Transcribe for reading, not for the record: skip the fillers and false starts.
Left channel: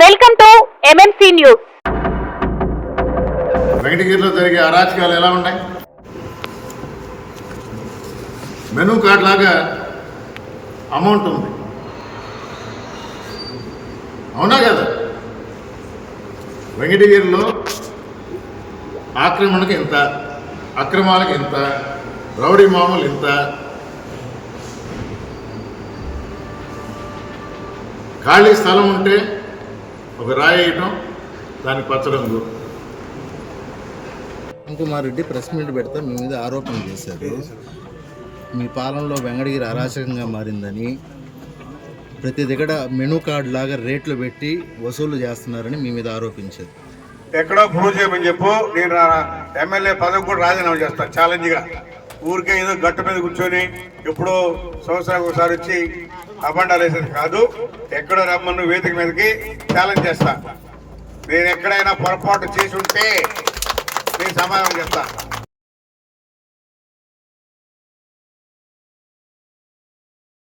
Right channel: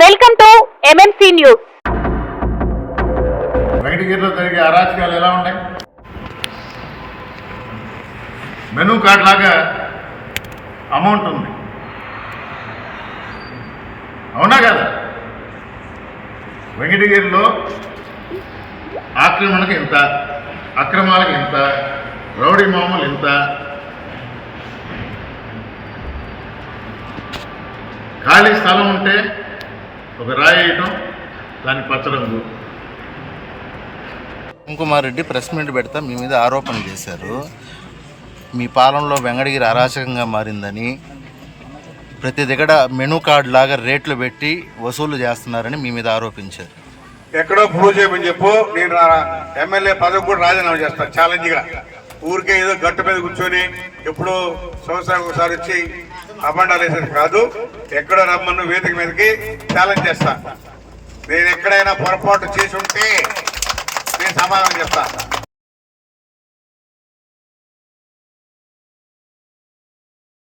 Welcome to MMC news. వెంకటగిరిలో జరిగే అరాచకాలు ఎలా ఉన్నాయి? మెనూ కార్డ్ లాగా అమౌంట్ ఉంది, అవునా కదా? వెంకటగిరిలో ఆక్రమణకు ఇంత, అక్రమాలకు ఇంత, రౌడీ మామూలు ఇంత, ఖాళీ స్థలం ఉంటే ఒక రాయి వేయటం, దానికి పచ్చరంగు. కుమార్ రెడ్డి ప్రెస్ మీట్ పెడతా మీ మీద ఆరోపణలు చేశారు. మీ పాలనలో వెంకటగిరి అరాచకంగా మారిందని, ప్రతి దగ్గర మెనూ కార్డు లాగా రేట్లు పెట్టి వసూలు చేస్తున్నారని మీ మీద ఆరోపించారు. ఎక్కడో ప్రూవ్ చేయమని చెప్పు, నేను ఎమ్మెల్యే పదవి కూడా రాజీనామా చేస్తాను ఛాలెంజ్గా. ఊరికే ఏదో గట్టు మీద కూర్చొని ఎప్పుడో సంవత్సరానికి ఒకసారి వచ్చి అబండాలు వేసేది కాదు. ఎక్కడో రమ్మను వేదిక మీదకి ఛాలెంజ్ చేస్తా. నేను ఎక్కడైనా పొరపాటు చేసి ఉంటే నేను సమాధానం చేస్తా.